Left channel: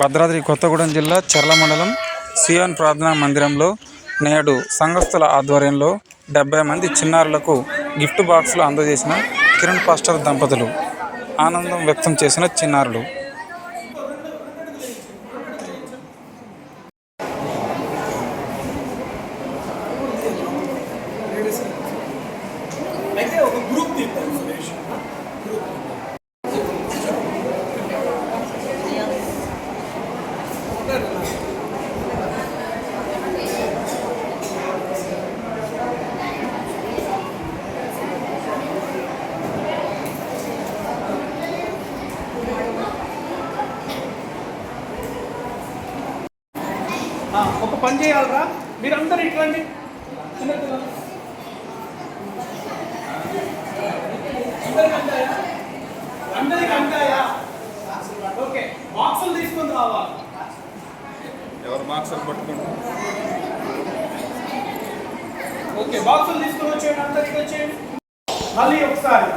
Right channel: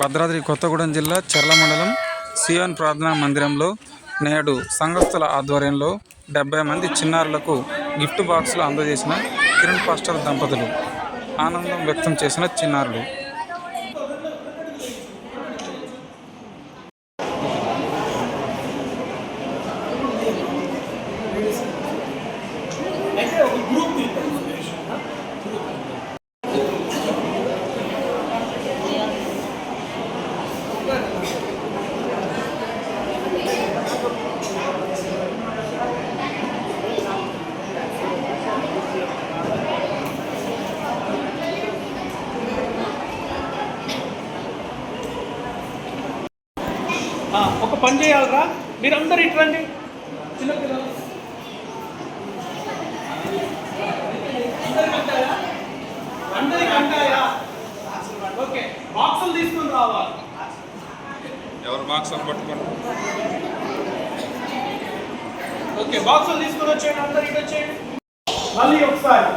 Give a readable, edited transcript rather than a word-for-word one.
భద్రాద్రి కొత్తగూడెం జిల్లా చర్ల మండలం సియోన్ ప్రార్థనా మందిరంలో నేడు సంఘస్థుల ఆధ్వర్యంలో 70 మంది చిన్నారులకు గిఫ్ట్ బాక్సులు అందజేసిన కిరణ్ పాస్టర్ దంపతులు. ఆనందం వ్యక్తం చేసిన చిన్నారులు. ఒక పని చేయాలరా, మీరందరూ ఇట్రండి. చిన్నపిల్లలు అందరికి అంటాయా? ఓకే, బాక్సులు తీసుకొని రావాలి. ఎవరు బాక్సులు పట్టుకుంటారు? ఓకే, బాక్సులు తీసుకొని వచ్చేయండి. అందరికి వచ్చేయండి. మళ్ళీ ఒకసారి